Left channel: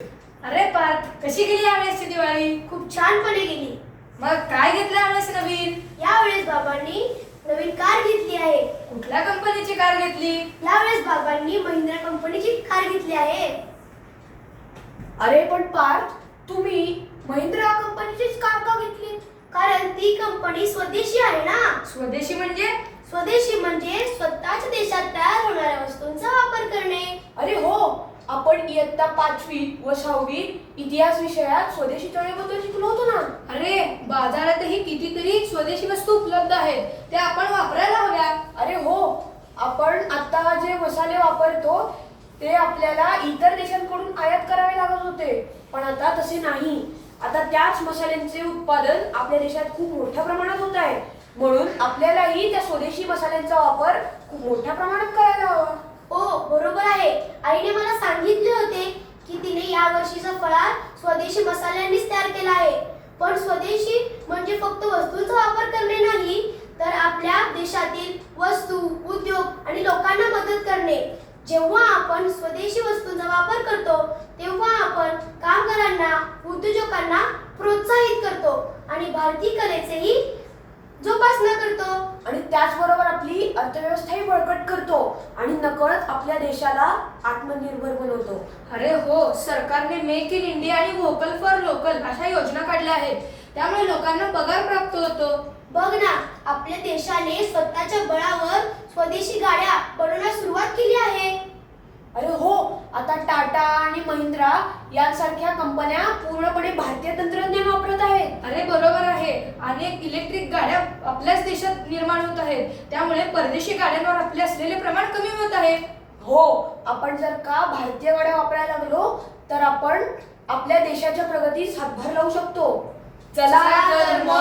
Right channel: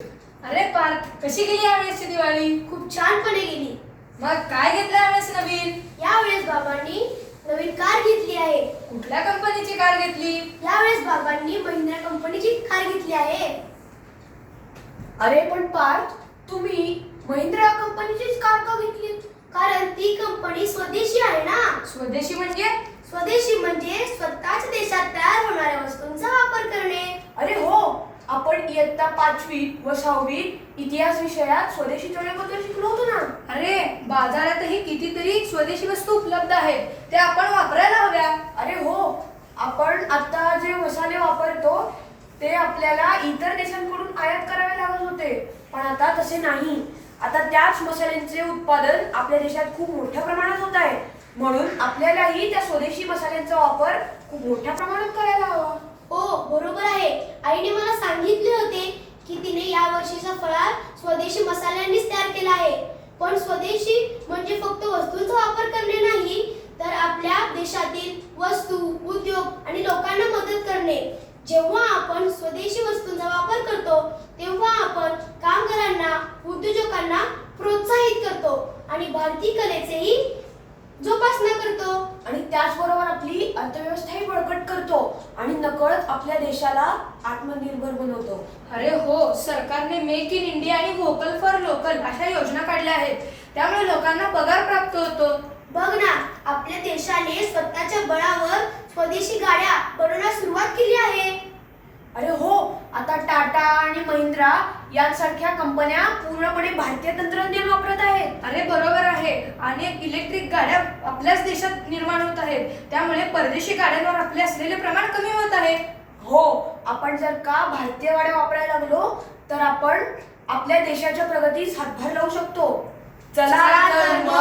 अरे पार्थ कशी गेली यावेळेसची दिवाळी? खूप छानपणे गेली. मग काय घेतलं यावेळेस नवीन? यावेळेस बाबांनी नवीन कार घेतली आहे. कुठल्या कंपनीची कार घेतली? यावेळेस बाबांनी महिंद्रा कंपनीची कार घेतली आहे. अरे पण पार्थ तुम्ही महिंद्रा कंपनीचीच कार का घेतली? कारण ती कंपनी स्वदेशी आहे ना. स्वदेशी म्हणजे? स्वदेशी म्हणजे स्वतःच देशात तयार होणाऱ्या वस्तूंचा वापर करणे अरे हो आपण इयत्ता पाचवी व सहावी इतिहास विषयात स्वदेशी चळवळीबद्दल शिकलो होतो ना. अरे बाजारातही कितीतरी स्वदेशी वस्तू उपलब्ध आहेत. त्या आपण वापरायला हव्या. अरे हो आपण आता जे मसाले वापरतो ते आपल्याला इतर देशांकडून आयात करावे लागत होते. पण आता तसे नाही. आता त्याच मसाल्यांचे उत्पादन आपल्या देशात खूप मोठ्या प्रमाणात होत आहे. म्हणून आपल्यालाही त्या स्वदेशी मसाल्यांचा वापर खूप मोठ्या प्रमाणात करायला हवा. हो बरोबर आहे. आईने मला सांगितले होते की तिने या वर्षीचा फळार स्वदेशी मसाल्यांनीच तयार केला आहे. पण स्वदेशी म्हणजे फक्त वस्तूंचा वापर करणे नाही तर आपल्या देशातील वस्तू उद्योग आणि लोकांना मदत करणे. जेव्हा आपण स्वदेशी वस्तूंचा वापर करतो तेव्हा आपण कामगारांना उद्योजकांना प्रोत्साहित करतो. आणि भारतीय कलेचेही जोपासना आणि त्याचबरोबर आपली अर्थव्यवस्थाही बळकट करतो आणि नकळत आपल्या देशाला आत्मनिर्भर बनवतो. अरे हो सरकारने मेक इन इंडिया आणि व्होकल फॉर लोकल अशा योजना काढल्या आहेत. त्यामुळे लोकांना पगार प्राप्त होतो. बघ ना आपल्या देशाने स्वतःच्या बळावर स्वदेशी गाड्या बनवण्यास सुरुवात केली आहे. अरे हो आता टाटा आणि महिंद्रा यांसारख्या कंपन्या पूर्णपणे भारतीय तंत्रज्ञान वापरत आहेत. अरे बरोबर आहे. अनेक इलेक्ट्रिक गाड्या आपल्याच देशात आहेत. त्यामुळे परदेशी गाड्यांवर आपले असलेले प्रमाण कमी होत आहे. हो आपण जर का भारतीय गाड्या वापरायला लागलो तर आपण आपल्या देशाच्या प्रगतीस हातभार लावू शकतो. चला तर मग.